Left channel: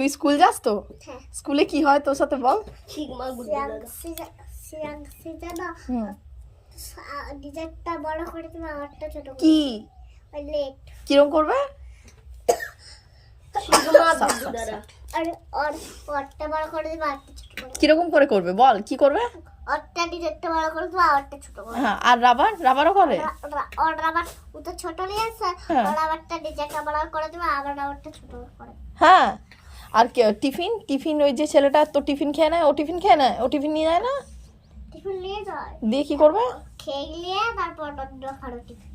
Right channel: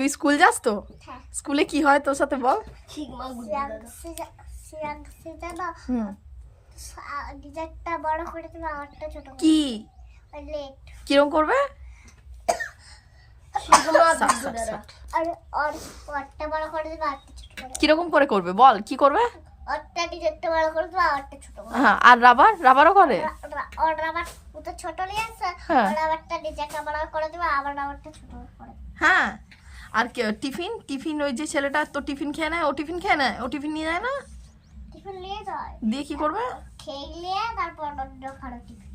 তুই স্কুল যাস তো? হ্যাঁ। স্কুলে কি হয় তোর সাথে বল? ডিজাইনটা বড় করে তুমি আমারটা ছোট করে কি লেট কিরকম করবে? আর ওরটা বড় করে দিবে আরটা ছোট করে। কিরকম করে করবে বল, কি করবে? ওরটা ডিজাইনটা বড় করে দিবে আরটা ছোট করে। হ্যাঁ, আর রাবারও করে? ওর রাবার ও তো ছোট নিয়ে আসছে, হ্যাঁ। ওর রাবারটা ডিজাইনটা বড় করে দিবে আবার রাবারটা ছোট করে। হ্যাঁ। আর টিফিন ওই যে ছেলেটা তো টিফিন খেয়ে নেয়, ও টিফিন খেয়ে নেয়, ও টিফিন নিয়ে যায় না? টিফিন নিয়ে যায়, দিয়ে কি করবে? খেয়ে তারপর অন্য খালো টিফিন।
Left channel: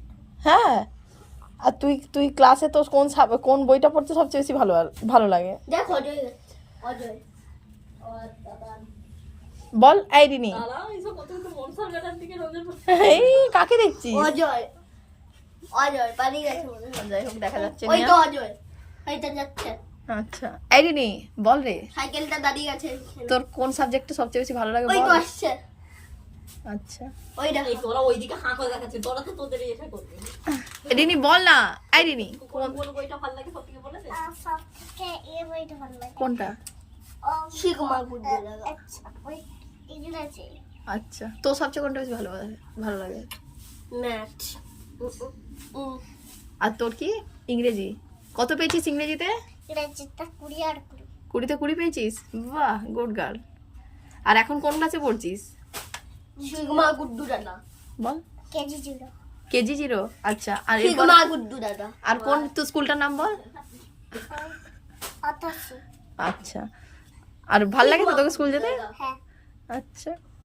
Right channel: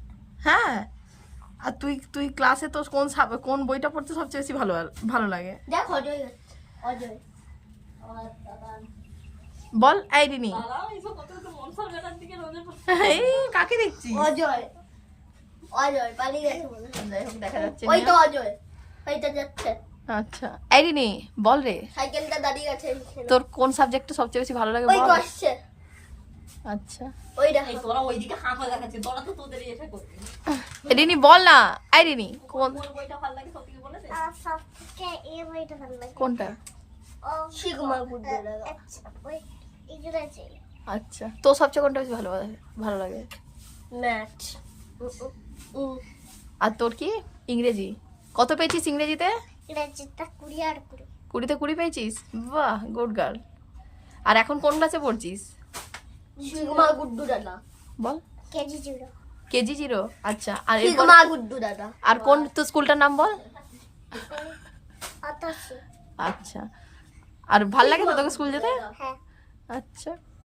হ্যাঁ। আর তুই ক্লাসে তো কোন বইটা পড়তে সবচেয়ে বেশি ভালো লাগে? দেখ অজয় অজয় বল আইডিনি। এই কাকে দেখছি? অজয় অজয় পালিয়ে গেছে মনে হয়। যাই হোক, দেখা যাচ্ছে ওই না। তো অজয়, এইটা যাচ্ছে আচ্ছা আইডিনি, বল রে, সাইকেলটা দাঁড়িয়ে গেছে। তোর কোন সাবজেক্টটা সবচেয়ে বেশি ভালো লাগে ওই বল? তো আসছে, আচ্ছা ওইটা এই তোরা ওইদিকে হাঁ করে দেখাচ্ছিস, তোরা তো তোদের এটা করবি। আইডিনি বল না। আইডিনি কোন কোন বইটা ভালো লাগে সত্যি করে বলেছে? সবথেকে এই বইটা ভালো লাগে। কোনটা? শিগমা গুড্ডা। আচ্ছা ওই ইংরেজি আচ্ছা, তোর সবচেয়ে কোনটা বেশি ভালো লাগে? ম্যাথ। আর তোর কি? ইংরেজি। কত পেয়েছিস ইংরেজিতে? ইংরেজিটা 20 আর 20। 20তে 20 পেয়েছিস? বাহ, গুড গার্ল। আর এখন কোন ক্লাসে পড়ছিস শিগমা গুড্ডু দাদা বল? কেজি 0। কেজি 0। আচ্ছা, আর এরপর শিগমা গুড্ডু দাদা আর কোন তোর স্কুলটার নাম বল? আতাশি। আচ্ছা, আর ভাল লাগে তো তোকে স্কুল যেতে? হ্যাঁ। আচ্ছা।